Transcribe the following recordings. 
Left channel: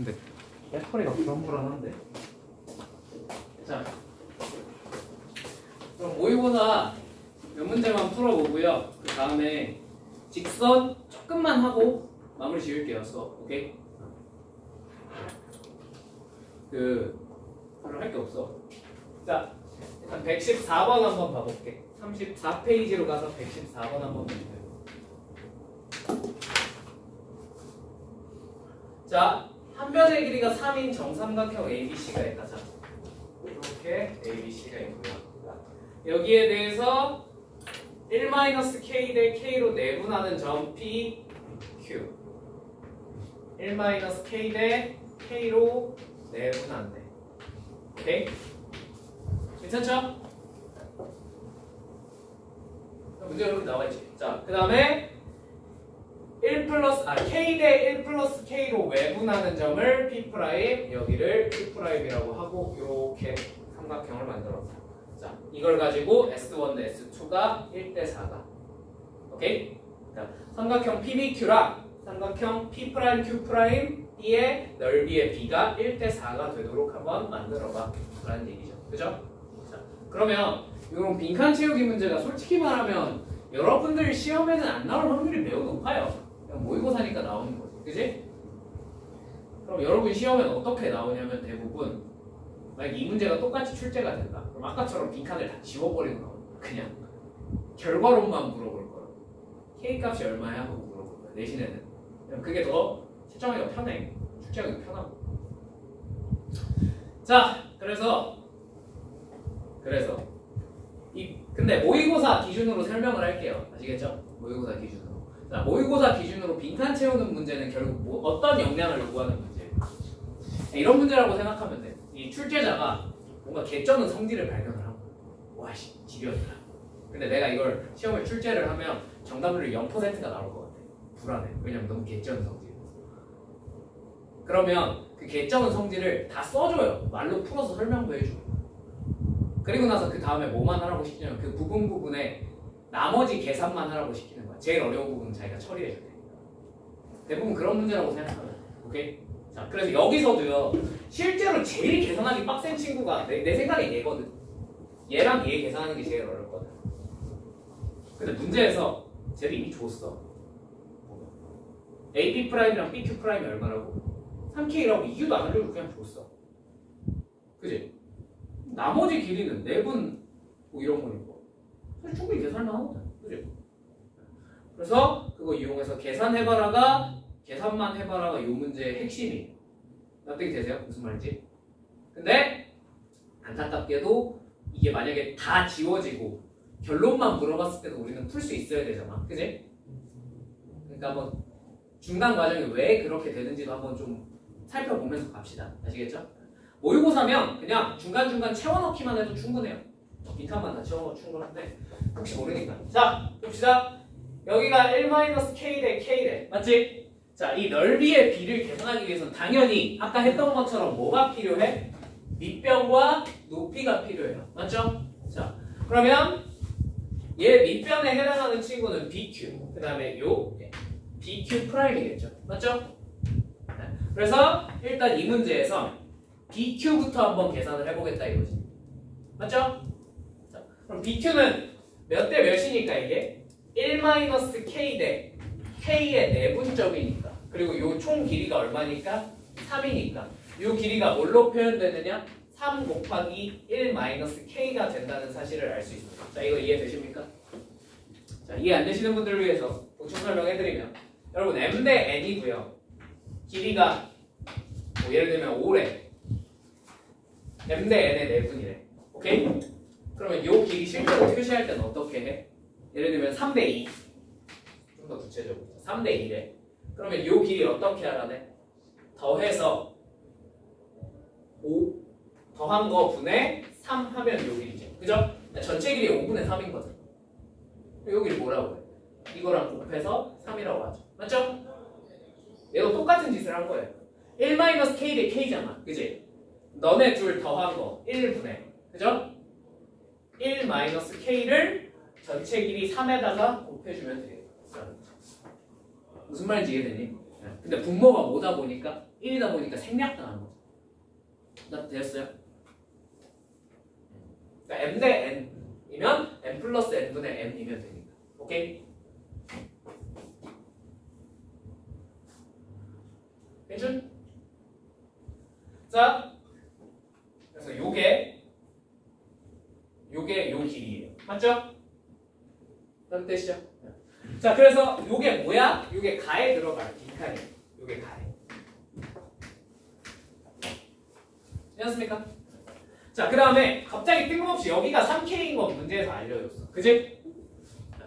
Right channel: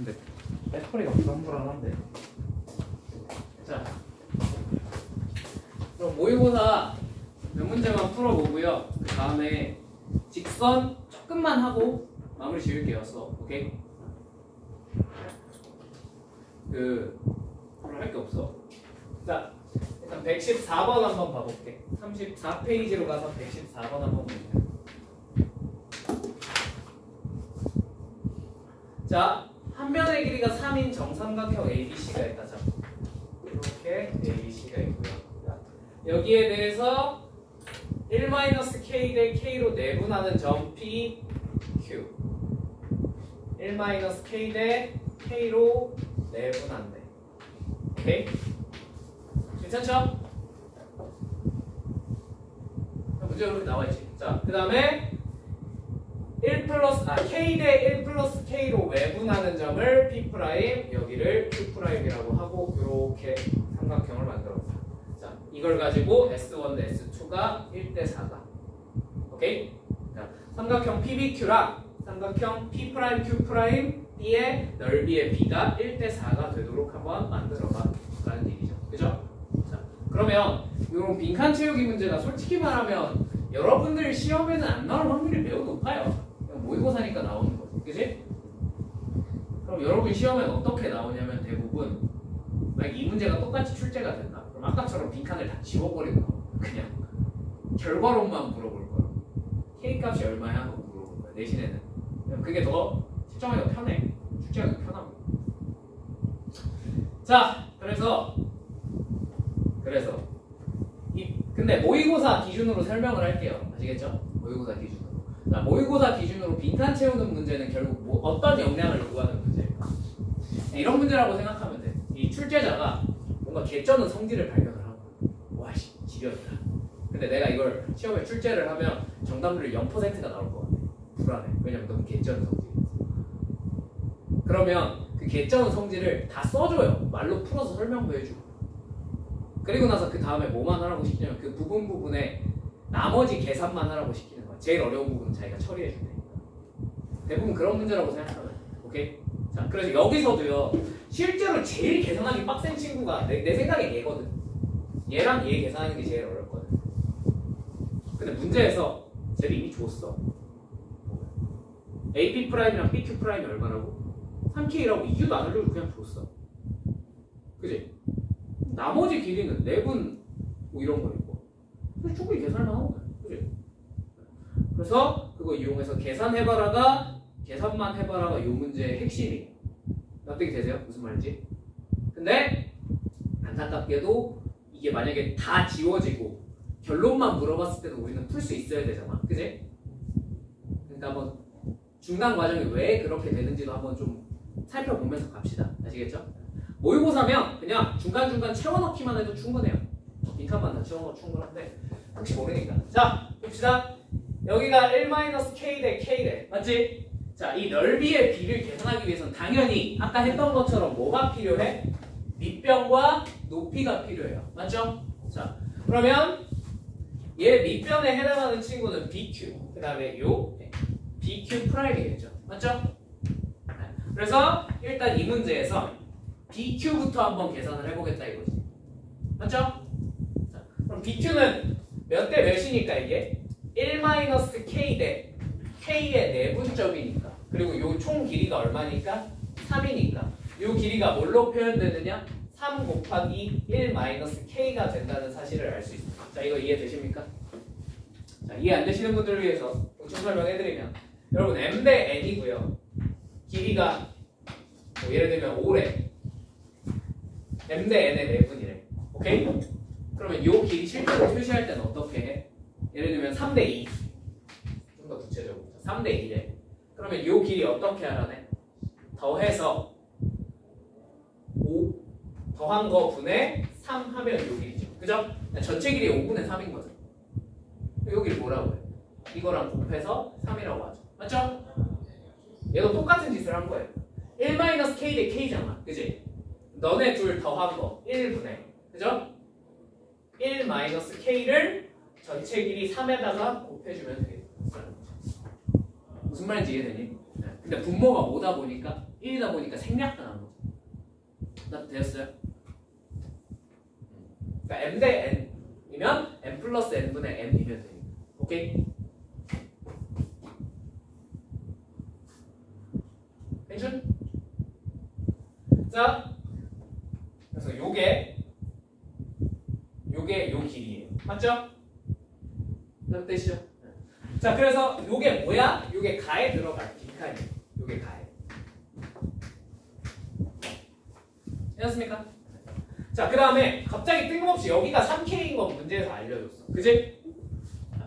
근데 배터리가 불안불안한데. 자, 그럼 모의고사 몇 문제만 풀어보고요. 그 다음에 직선 조금만 하고 마무리 지을게요. 오케이? 별로 할 게 없어. 자, 일단 114번 한번 봐볼게. 34페이지로 가서 114번 한번 볼게요. 자, 한 면의 길이가 3인 정삼각형 ABC가 있다. 자, 이렇게 ABC가 있고요. 여기에 대해서 1-K 대 K로 내분하는 점 P, Q. 1-K 대 K로 내분한대. 오케이? 괜찮죠? 문제가 이렇게 나와있지. 자, 그 다음에 K 대 1 플러스 K로 외분하는 점을 P', 여기를 Q'이라고 하고 이렇게 삼각형을 만들었어. 자, 이걸 가지고 S1 대 S2가 1 대 4가. 오케이? 자, 삼각형 PBQ랑 삼각형 P', Q', B의 넓이의 B가 1 대 4가 되도록 한번 만들어봐 라는 얘기죠. 그죠? 자, 그러면 이런 빈칸 채우기 문제가 솔직히 말하면 여러분들 시험에는 안 나올 확률이 매우 높아요. 그냥 모의고사니까 나오는 거지. 그지? 그럼 여러분 시험에는 어떻게 나오냐면 대부분 만약 이 문제가 똑같이 출제가 된다. 그럼 아까처럼 빈칸을 다 지워버리고 그냥 결과론만 물어볼 거야. K값이 얼마야? 하고 물어볼 거야. 내신에는. 그게 더 채점하기가 편해. 출제하기가 편하고. 자, 그래서 근데 모의고사 기준으로 설명을 할게요. 아시겠죠? 모의고사 기준으로. 자, 모의고사 기준으로 빈칸 채우는 문제는 결국 어떤 역량을 요구하는 문제예요. 이런 문제라고 생각하면 돼. 이 출제자가 뭔가 개쩌는 성질을 발견을 하고, 와씨 지렸다. 근데 내가 이걸 시험에 출제를 하면 정답률이 0%가 나올 것 같아. 불안해. 왜냐면 너무 개쩌는 성질이라서. 그러면 그 개쩌는 성질을 다 써줘요. 말로 풀어서 설명도 해주고. 그리고 나서 그 다음에 뭐만 하라고 시키냐면 그 부분에 나머지 계산만 하라고 시키는 거야. 제일 어려운 부분은 자기가 처리해 줄 테니까. 대부분 그런 문제라고 생각하면. 오케이? 자, 그래서 여기서도요. 실제로 제일 계산하기 빡센 친구가 내 생각에 얘거든. 얘랑 얘 계산하는 게 제일 어렵거든. 근데 문제에서 쟤를 이미 줬어. AP'이랑 BQ'이 얼마라고? 3K라고 이유도 안 알려주고 그냥 줬어. 그지? 나머지 길이는 4분 뭐 이런 거니까 사실 충분히 계산만 하거든. 그지? 그래서 그거 이용해서 계산만 해봐라가 이 문제의 핵심이. 납득이 되세요? 무슨 말인지? 근데 안타깝게도 이게 만약에 다 지워지고 결론만 물어봤을 때도 우리는 풀 수 있어야 되잖아. 그지? 그러니까 한번 중간 과정이 왜 그렇게 되는지도 한번 좀 살펴보면서 갑시다. 아시겠죠? 모의고사면 그냥 중간중간 채워넣기만 해도 충분해요. 빈칸만 다 채워넣어도 충분한데 혹시 모르니까. 자, 봅시다. 여기가 1-K 대 K 대 맞지? 자, 이 넓이의 비를 계산하기 위해서는 당연히 아까 했던 것처럼 뭐가 필요해? 밑변과 높이가 필요해요. 맞죠? 자, 그러면 얘 밑변에 해당하는 친구는 BQ, 그 다음에 요 BQ'이겠죠. 맞죠? 그래서 일단 이 문제에서 BQ부터 한번 계산을 해보겠다 이거지. 맞죠? 자, 그럼 BQ는 몇 대 몇이니까 이게? 1-K 대 K의 내분점이니까. 그리고 요 총 길이가 얼마니까? 3이니까. 요 길이가 뭘로 표현되느냐? 3 곱하기 1-K가 된다는 사실을 알 수 있습니다. 자, 이거 이해되십니까? 자, 이해 안 되시는 분들을 위해서 보충 설명해드리면 여러분 M 대 N이고요. 길이가 뭐 예를 들면 5래. M 대 N의 내분이래. 오케이? 그러면 요 길이 실제로 표시할 때는 어떻게 해? 예를 들면 3 대 2. 좀 더 구체적으로. 3 대 2래. 그러면 요 길이 어떻게 하라네? 더해서 5 더한 거 분의 3 하면 요 길이죠. 그죠? 전체 길이 5분의 3인 거죠. 요 길이 뭐라고 해? 이거랑 곱해서 3이라고 하죠. 맞죠? 얘도 똑같은 짓을 한 거예요. 1-K 대 K잖아. 그지? 너네 둘 더한 거 1분의. 그죠? 1-K를 전체 길이 3에다가 곱해주면 되겠다. 무슨 말인지 이해되니? 근데 분모가 뭐다 보니까 1이다 보니까 생략당하는 거죠. 나 됐어요? 그러니까 m 대 n이면 m 플러스 n분의 n이면 되니까. 오케이? 괜찮? 자, 그래서 요게 요 길이에요. 맞죠? 그런 뜻이죠. 자, 그래서 요게 뭐야? 요게 가에 들어가요. 뒷가에. 요게 가에. 이해했습니까? 자, 그 다음에 갑자기 뜬금없이 여기가 3K인 건 문제에서 알려줬어. 그지?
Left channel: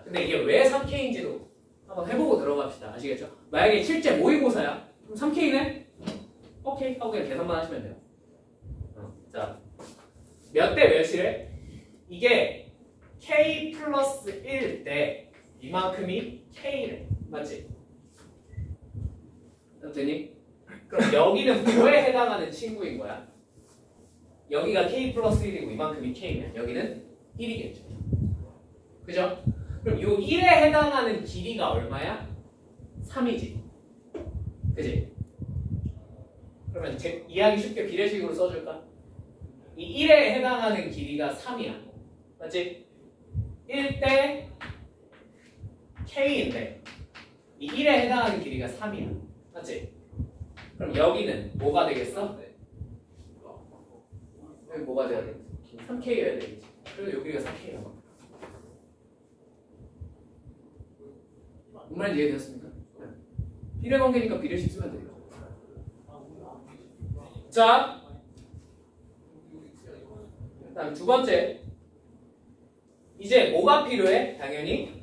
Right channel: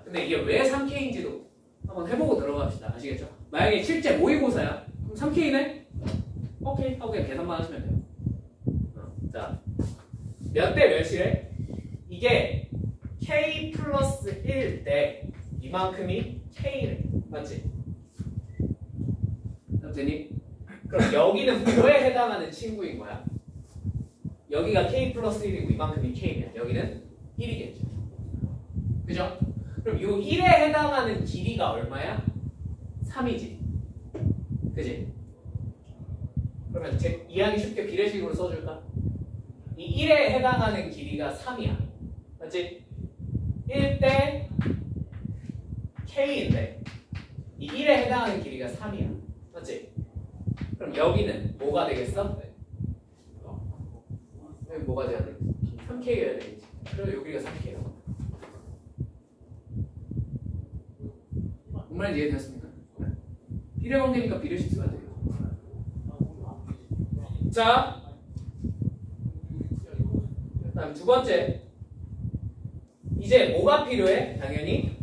근데 이게 왜 3K인지도 한번 해보고 들어갑시다. 아시겠죠? 만약에 실제 모의고사야. 그럼 3K네? 오케이 하고 그냥 계산만 하시면 돼요. 자, 몇 대 몇이래? 이게 K 플러스 1 대 이만큼이 K래. 맞지? 되니? 그럼 여기는 뭐에 해당하는 친구인 거야? 여기가 K 플러스 1이고 이만큼이 K면 여기는 1이겠죠. 그죠? 그럼 이 1에 해당하는 길이가 얼마야? 3이지. 그지? 그러면 이해하기 쉽게 비례식으로 써줄까? 이 1에 해당하는 길이가 3이야. 맞지? 1대 K인데 이 1에 해당하는 길이가 3이야. 맞지? 그럼 여기는 뭐가 되겠어? 여기 뭐가 돼야 돼? 3K여야 되겠지. 그래서 여기가 3K야. 뭔 말인지 이해되었습니까? 비례 관계니까 비례식 쓰면 돼요. 자, 다음 두 번째. 이제 뭐가 필요해? 당연히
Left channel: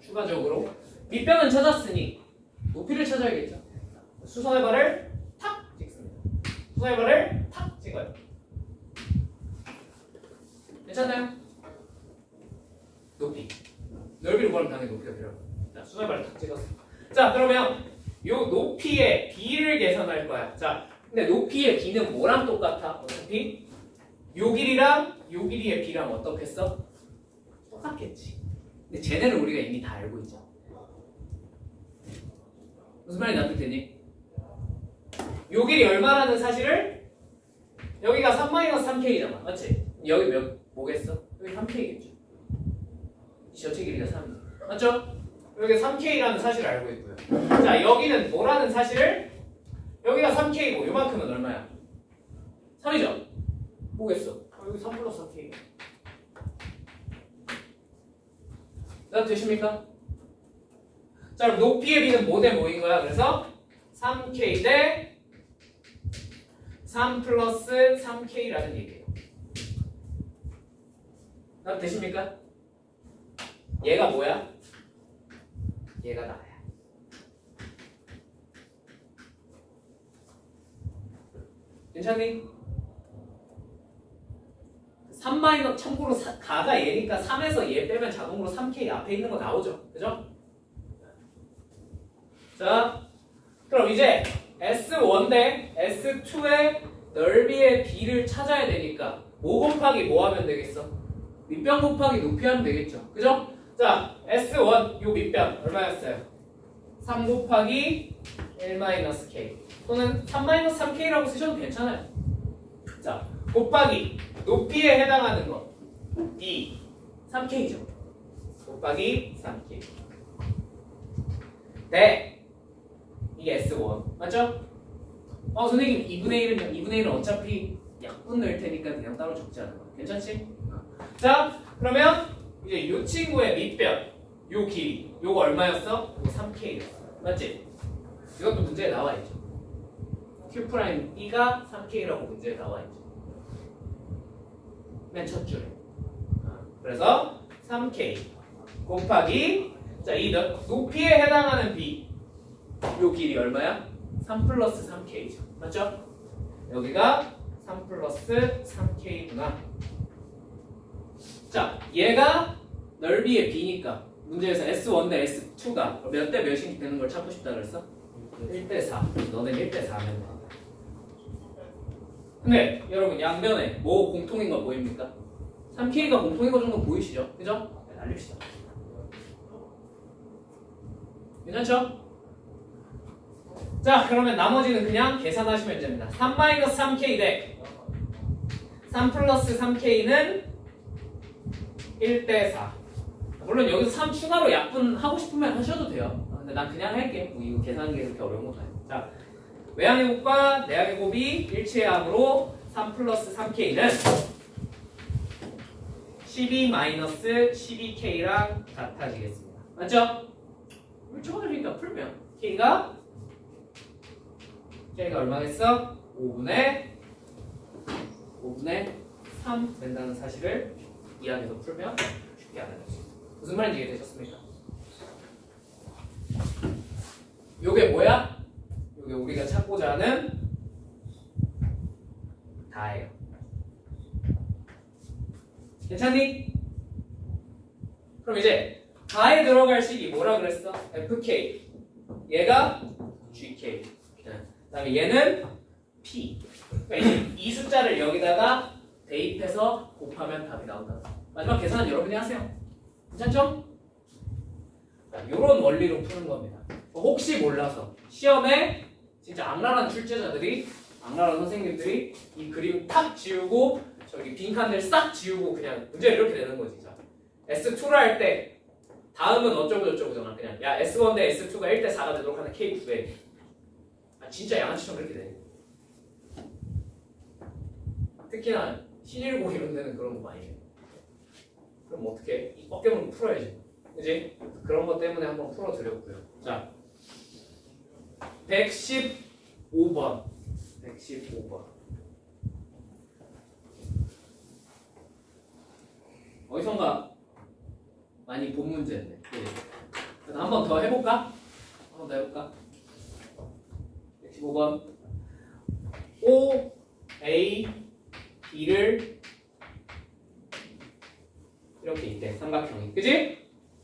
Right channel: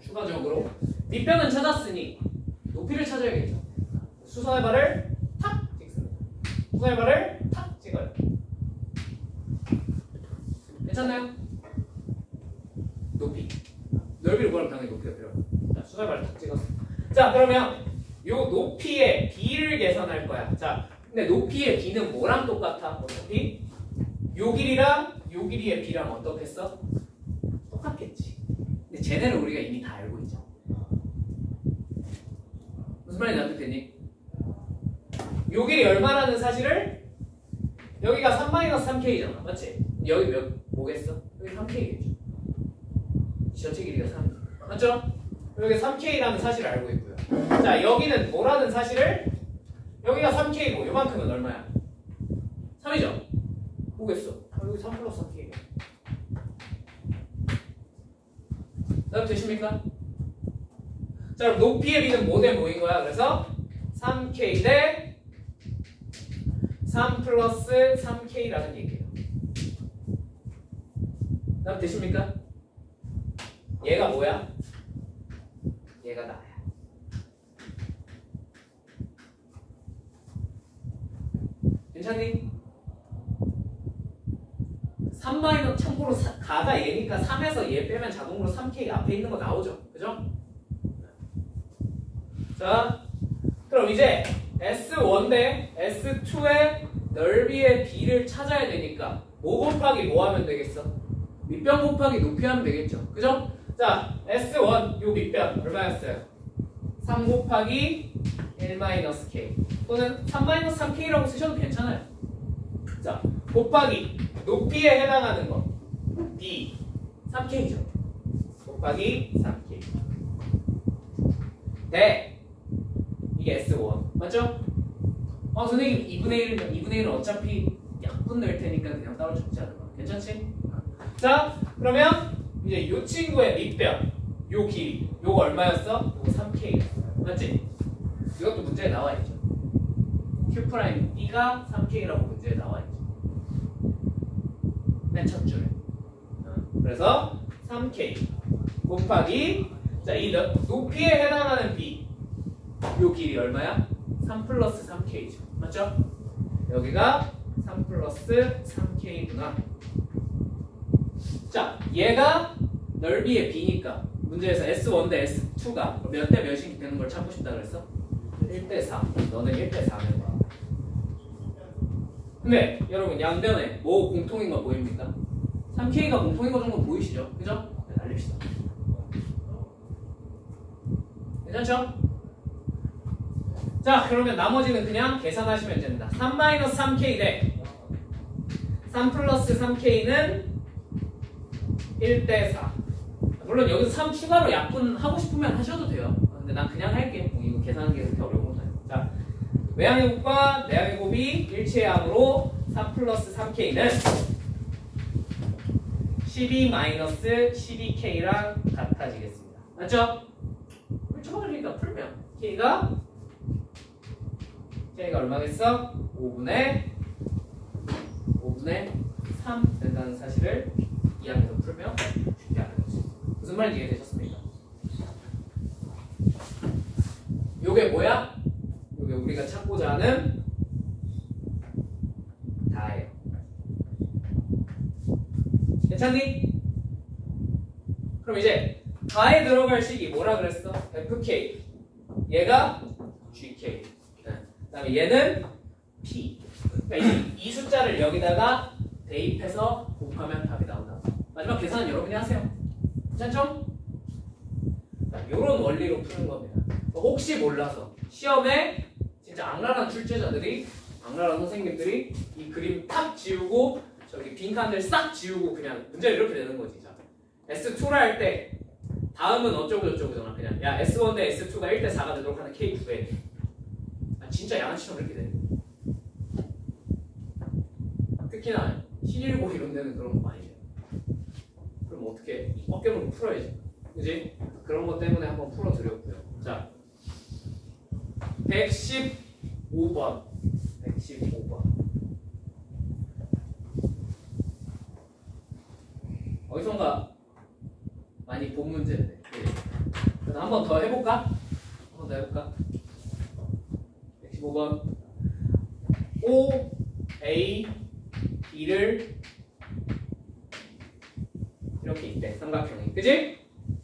추가적으로 밑변은 찾았으니 높이를 찾아야겠죠. 수선의 발을 탁 찍습니다. 수선의 발을 탁 찍어요. 괜찮나요? 높이. 넓이를 구하면 당연히 높이가 필요합니다. 자, 수선의 발을 탁 찍었어. 자, 그러면 요 높이의 b를 계산할 거야. 자, 근데 높이의 b는 뭐랑 똑같아? 어차피 요 길이랑 요 길이의 b랑 어떻겠어? 똑같겠지. 근데 쟤네를 우리가 이미 다 알고 있죠. 무슨 말인지 납득되니? 요 길이 얼마라는 사실을 여기가 3-3K잖아. 맞지? 여기 뭐겠어? 여기 3K겠죠. 전체 길이가 3. 맞죠? 여기 3K라는 사실을 알고 있고요. 자, 여기는 뭐라는 사실을 여기가 3K고 요만큼은 얼마야? 3이죠? 뭐겠어? 여기 3 플러스 3K가. 자, 되십니까? 자, 그럼 높이의 b는 뭐 대 뭐인 거야? 그래서 3K 대 3 플러스 3K라는 얘기예요. 자, 되십니까? 얘가 뭐야? 얘가 나야. 괜찮니? 3 마이너 참고로 가가 얘니까 3에서 얘 빼면 자동으로 3K 앞에 있는 거 나오죠. 그죠? 자, 그럼 이제 S1 대 S2의 넓이의 b를 찾아야 되니까 뭐 곱하기 뭐 하면 되겠어? 밑변 곱하기 높이 하면 되겠죠. 그죠? 자, S1 요 밑변 얼마였어요? 3 곱하기 1-K 또는 3-3K라고 쓰셔도 괜찮아요. 자, 곱하기 높이에 해당하는 거 D 3K죠. 곱하기 3K 네, 이게 S1 맞죠? 선생님 2분의 1은 2분의 1은 어차피 약분 넣을 테니까 그냥 따로 적지 않은 거 괜찮지? 자, 그러면 이제 요 친구의 밑변 요 길이 요거 얼마였어? 요거 3K 맞지? 이것도 문제에 나와 있죠. Q'B가 3K라고 문제에 나와 있죠. 맨 첫 줄에. 그래서 3K 곱하기 자, 이 높이에 해당하는 B 요 길이 얼마야? 3 플러스 3K죠. 맞죠? 여기가 3 플러스 3K구나. 자, 얘가 넓이의 B니까 문제에서 S1 대 S2가 몇 대 몇이 되는 걸 찾고 싶다 그랬어? 1대 4. 너는 1대 4면 돼. 근데 여러분 양변에 뭐 공통인 거 보입니까? 3K가 공통인 거 정도 보이시죠? 그죠? 네, 날립시다. 괜찮죠? 자, 그러면 나머지는 그냥 계산하시면 됩니다. 3-3k 대 3 플러스 3k는 1대 4. 물론 여기서 3 추가로 약분하고 싶으면 하셔도 돼요. 근데 난 그냥 할게. 뭐 이거 계산하는 게 그렇게 어려운 건 아니에요. 자, 외항의 곱과 내항의 곱이 일치의 항으로 3 플러스 3k는 12-12k랑 같아지겠습니다. 맞죠? 초반이니까 풀면 K가 얼마겠어? 5분의 3 된다는 사실을 이 안에서 풀면 쉽게 아는 거죠. 무슨 말인지 이해되셨습니까? 요게 뭐야? 요게 우리가 찾고자 하는 다예요. 괜찮니? 그럼 이제 다에 들어갈 식이 뭐라 그랬어? FK. 얘가 GK. 그 다음에 얘는 P. 그러니까 이제 이 숫자를 여기다가 대입해서 곱하면 답이 나온다. 마지막 계산은 여러분이 하세요. 괜찮죠? 이런 원리로 푸는 겁니다. 혹시 몰라서 시험에 진짜 악랄한 출제자들이, 악랄한 선생님들이 이 그림 탁 지우고 저기 빈칸들 싹 지우고 그냥 문제를 이렇게 내는 거지. 자, S2를 할 때 다음은 어쩌고저쩌고잖아. 그냥 야 S1 대 S2가 1대 4가 되도록 하는 K9에 진짜 양아치처럼 그렇게 되는 거야. 특히나 신일고 이런 데는 그런 거 많이 해. 그럼 어떻게 어깨물고 풀어야지. 그지? 그런 것 때문에 한번 풀어드렸고요. 자, 115번. 어디선가 많이 본 문제인데. 네. 한 번 더 해볼까? 115번. O, A, B를 이렇게 있대. 삼각형이. 그지?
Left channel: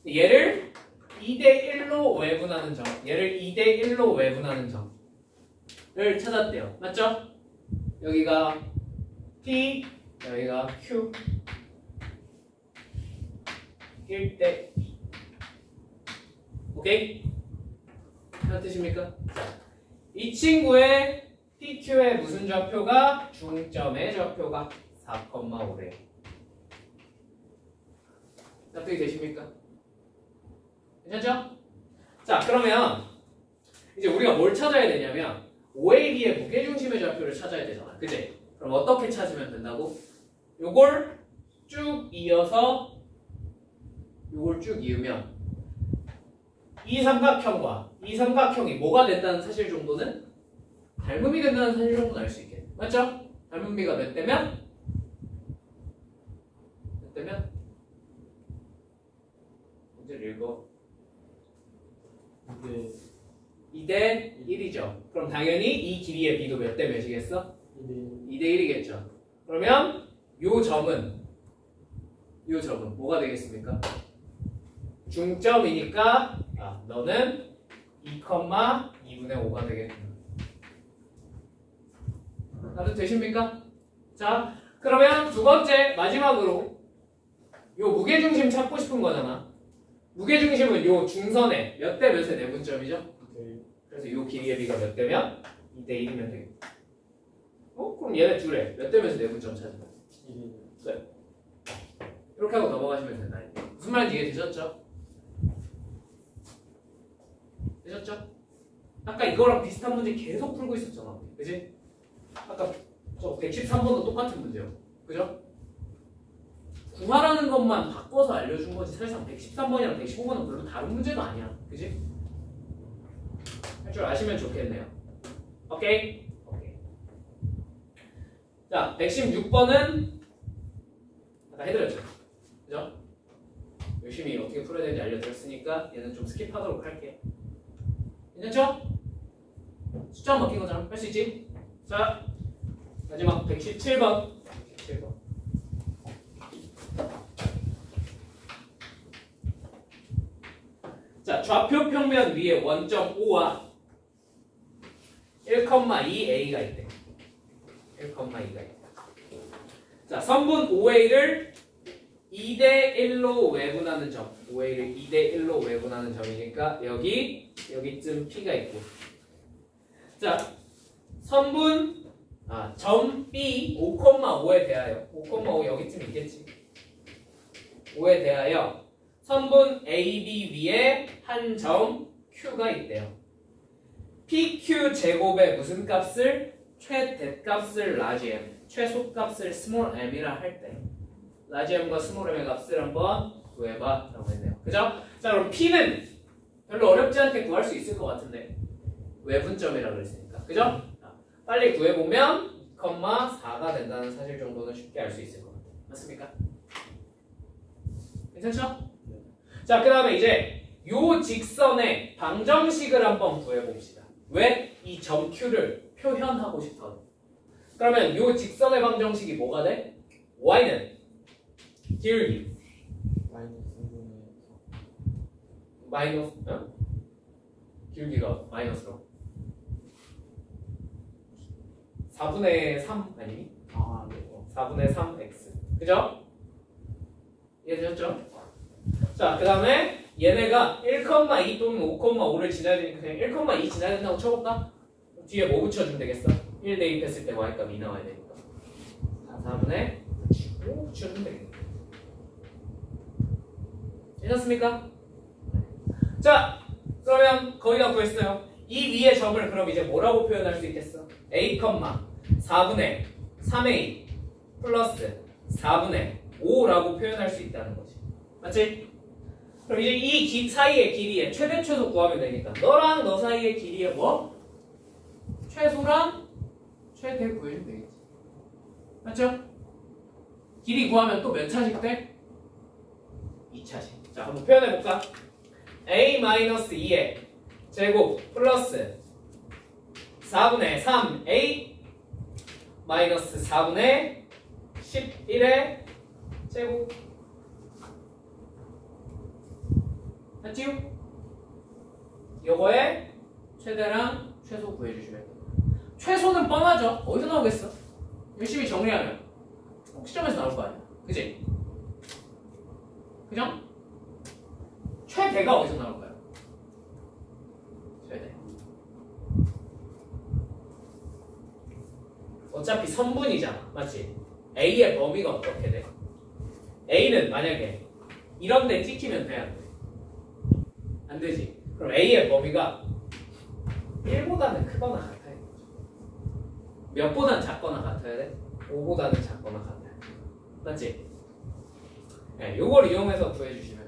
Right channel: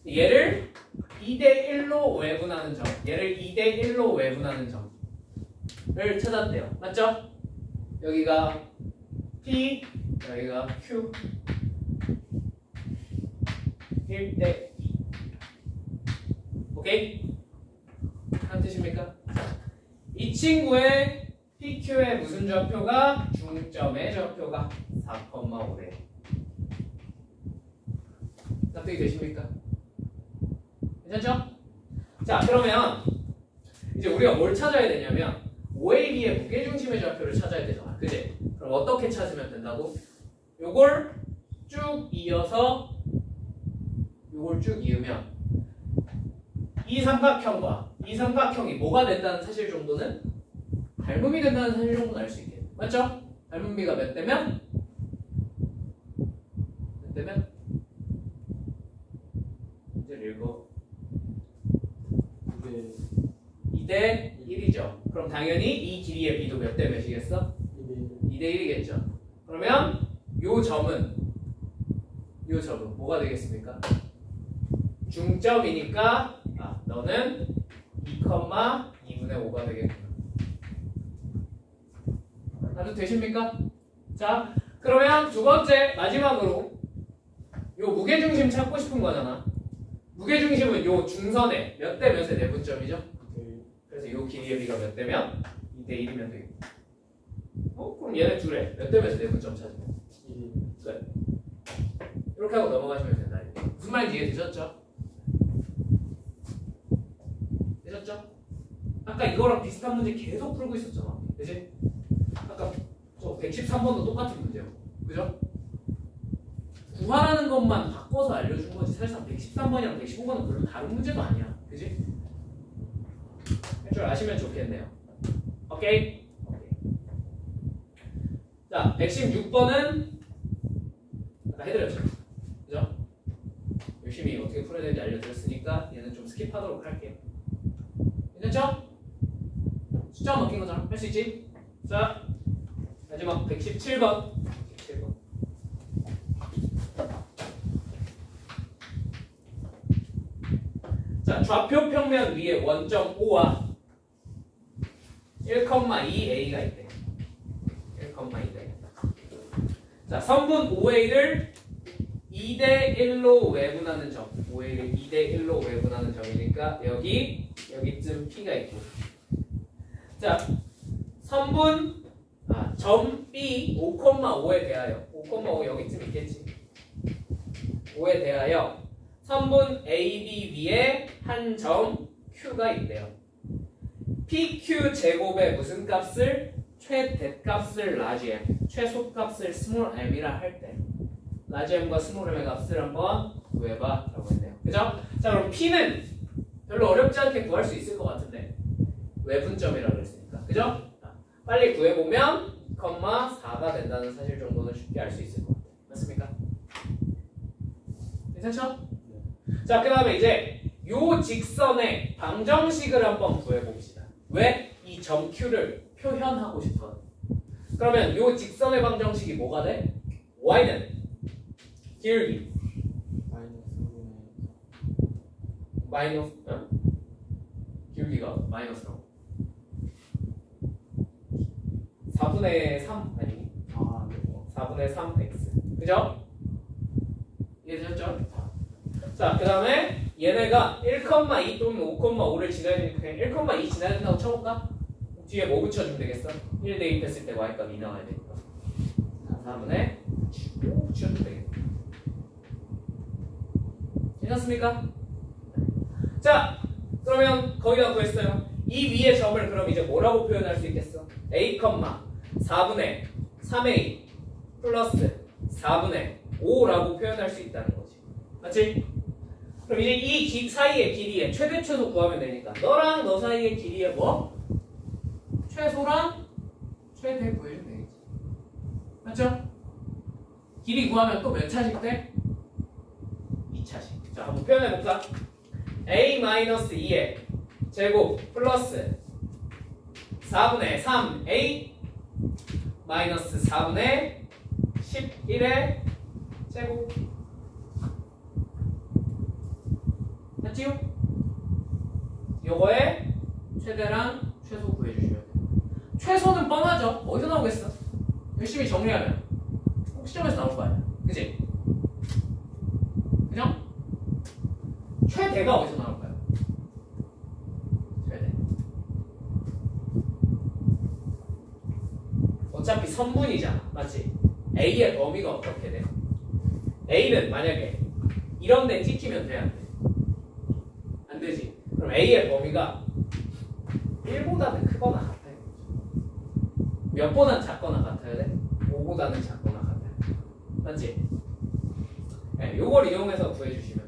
얘를 2대1로 외분하는 점. 얘를 2대1로 외분하는 점을 찾았대요. 맞죠? 여기가 P, 여기가 Q. 1대 2. 오케이? 무슨 뜻입니까? 이 친구의 PQ의 무슨 좌표가 중점의 좌표가 4,5래요. 납득이 되십니까? 괜찮죠? 자, 그러면 이제 우리가 뭘 찾아야 되냐면 OAB의 무게중심의 좌표를 찾아야 되잖아. 그치? 그럼 어떻게 찾으면 된다고? 요걸 쭉 이어서 요걸 쭉 이으면 이 삼각형과 이 삼각형이 뭐가 된다는 사실 정도는 닮음이 된다는 사실 정도는 알 수 있겠네. 맞죠? 닮음비가 몇 대면? 몇 대면? 문제를 읽어. 2대 1이죠. 그럼 당연히 이 길이의 비도 몇 대 몇이겠어? 2대 1이겠죠. 그러면 요 점은 뭐가 되겠습니까? 중점이니까 너는 2,2분의 5가 되겠구나. 다들 되십니까? 자, 그러면 두 번째 마지막으로 요 무게중심 찾고 싶은 거잖아. 무게중심은 요 중선에 몇 대 몇의 내분점이죠? 그래서 요 길이의 비가 몇 대면? 2대 1이면 되겠다. 그럼 얘네 둘에 몇 대 몇의 내분점 찾으면? 1. 그래. 이렇게 하고 넘어가시면 된다. 무슨 말인지 이해되셨죠? 되셨죠? 아까 이거랑 비슷한 문제 계속 풀고 있었잖아. 그지? 아까 저 113번도 똑같은 문제요. 그죠? 구하라는 것만 바꿔서 알려준 거지 사실상 113번이랑 115번은 별로 다른 문제도 아니야. 그지? 할 줄 아시면 좋겠네요. 오케이? 자, 116번은 아까 해드렸죠? 그죠? 열심히 어떻게 풀어야 되는지 알려드렸으니까 얘는 좀 스킵하도록 할게. 괜찮죠? 숫자만 바뀐 거잖아. 할 수 있지? 자, 마지막 117번. 자, 좌표 평면 위에 원점 O와 1,2A가 있대. 1,2가 있대. 자, 선분 OA를 2대1로 외분하는 점. OA를 2대1로 외분하는 점이니까 여기쯤 P가 있고 자, 선분 점 B 5,5에 대하여 5,5 여기쯤 있겠지. 5에 대하여 선분 AB 위에 한 점 Q가 있대요. PQ 제곱의 무슨 값을 최대값을 라지 M, 최소값을 스몰 m이라 할 때 라지 m과 스몰 m의 값을 한번 구해봐 라고 했네요. 그죠? 자, 그럼 P는 별로 어렵지 않게 구할 수 있을 것 같은데 외분점이라고 그랬으니까. 그죠? 빨리 구해보면 2,4가 된다는 사실 정도는 쉽게 알 수 있을 것 같아요. 맞습니까? 괜찮죠? 자, 그 다음에 이제 요 직선의 방정식을 한번 구해봅시다. 왜? 이 점 Q를 표현하고 싶어. 그러면 요 직선의 방정식이 뭐가 돼? Y는 길기 마이너스 길기가 마이너스로 4분의 3 아니니? 4분의 3x 그죠? 이해되셨죠? 자, 그 다음에 얘네가 1,2 또는 5,5를 지나야 되니까 그냥 1,2 지나야 된다고 쳐볼까? 뒤에 뭐 붙여주면 되겠어? 1 대입했을 때 y값 2 나와야 되니까 4분의 5 치우면 되겠다. 괜찮습니까? 자, 그러면 거기가 구했어요. 이 위의 점을 그럼 이제 뭐라고 표현할 수 있겠어? a, 4분의 3a 플러스 4분의 5라고 표현할 수 있다는 거지. 맞지? 그럼 이제 이 사이의 길이의 최대 최소 구하면 되니까 너랑 너 사이의 길이의 뭐? 최소랑 최대 구해주면 되겠지. 맞죠? 길이 구하면 또 몇 차식 돼? 2차식. 자, 한번 표현해볼까? a-2의 제곱 플러스 4분의 3a 마이너스 4분의 11의 제곱. 맞지요? 요거의 최대랑 최소 구해주시면 돼요. 최소는 뻔하죠? 어디서 나오겠어? 열심히 정리하면 꼭 시점에서 나올 거 아니야. 그치? 그죠? 최대가 어디서 나올까요? 최대. 어차피 선분이잖아. 맞지? A의 범위가 어떻게 돼? A는 만약에 이런 데 찍히면 돼? 안 돼? 안 되지. 그럼 A의 범위가 1보다는 크거나 같아야 돼. 몇 보다는 작거나 같아야 돼? 5보다는 작거나 같아야 돼. 맞지? 네, 요걸 이용해서 구해주시면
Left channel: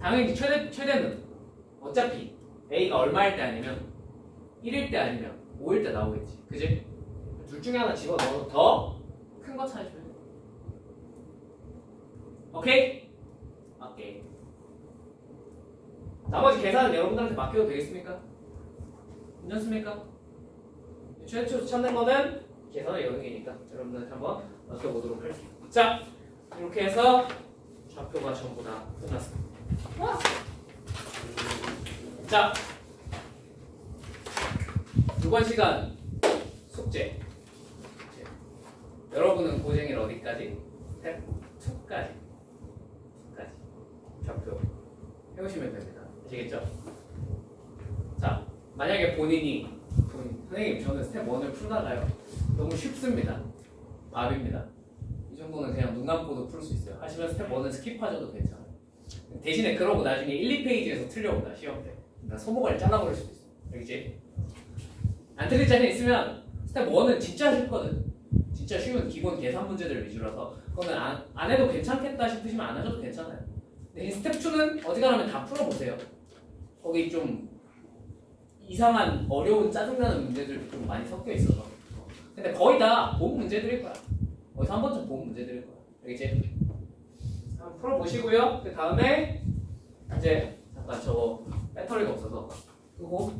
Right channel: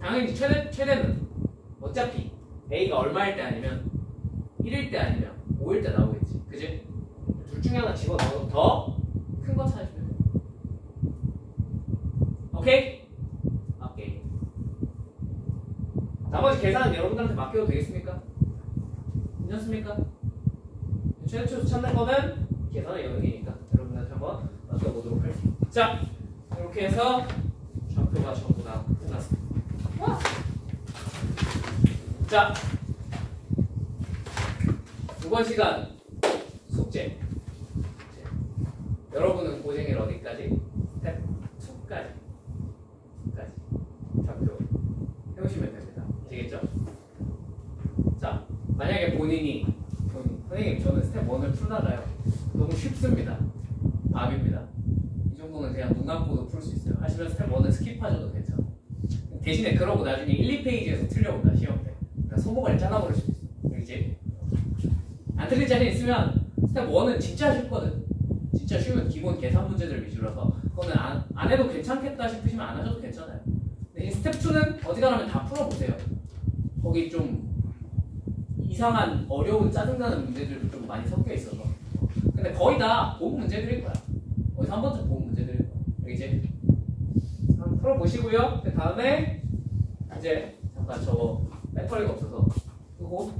당연히 최대는 어차피 A가 얼마일 때 아니면 1일 때 아니면 5일 때 나오겠지. 그지? 둘 중에 하나 집어넣어서 더 큰 거 찾으시면 돼. 오케이? 오케이. 나머지 계산은 여러분들한테 맡겨도 되겠습니까? 괜찮습니까? 최대 최소 찾는 거는 계산의 영역이니까 여러분들한테 한번 맡겨보도록 할게요. 자, 이렇게 해서 좌표가 전부 다 끝났습니다. 자, 이번 시간 숙제. 여러분은 고생일 어디까지? 스텝 2까지. 좌표 해오시면 됩니다. 아시겠죠? 자, 만약에 선생님 저는 스텝 1을 풀다가요. 너무 쉽습니다. 압입니다. 이 정도는 그냥 눈 감고도 풀 수 있어요. 하시면 스텝 1은 스킵하셔도 괜찮아요. 대신에 그러고 나중에 1, 2페이지에서 틀려온다 시험 때. 소목을 잘라버릴 수도 있어요. 이제 안 틀릴 자신 있으면 스텝 1은 진짜 쉽거든. 진짜 쉬운 기본 계산 문제들 위주라서 그거는 안 해도 괜찮겠다 싶으시면 안 하셔도 괜찮아요. 대신 스텝 2는 어지간하면 다 풀어보세요. 거기 좀 이상한 어려운 짜증나는 문제들 좀 많이 섞여 있어서. 근데 거의 다 본 문제들일 거야. 어디서 한 번쯤 본 문제들일 거야. 알겠지? 한번 풀어보시고요. 그 다음에 이제 잠깐 저거 배터리가 없어서 끄고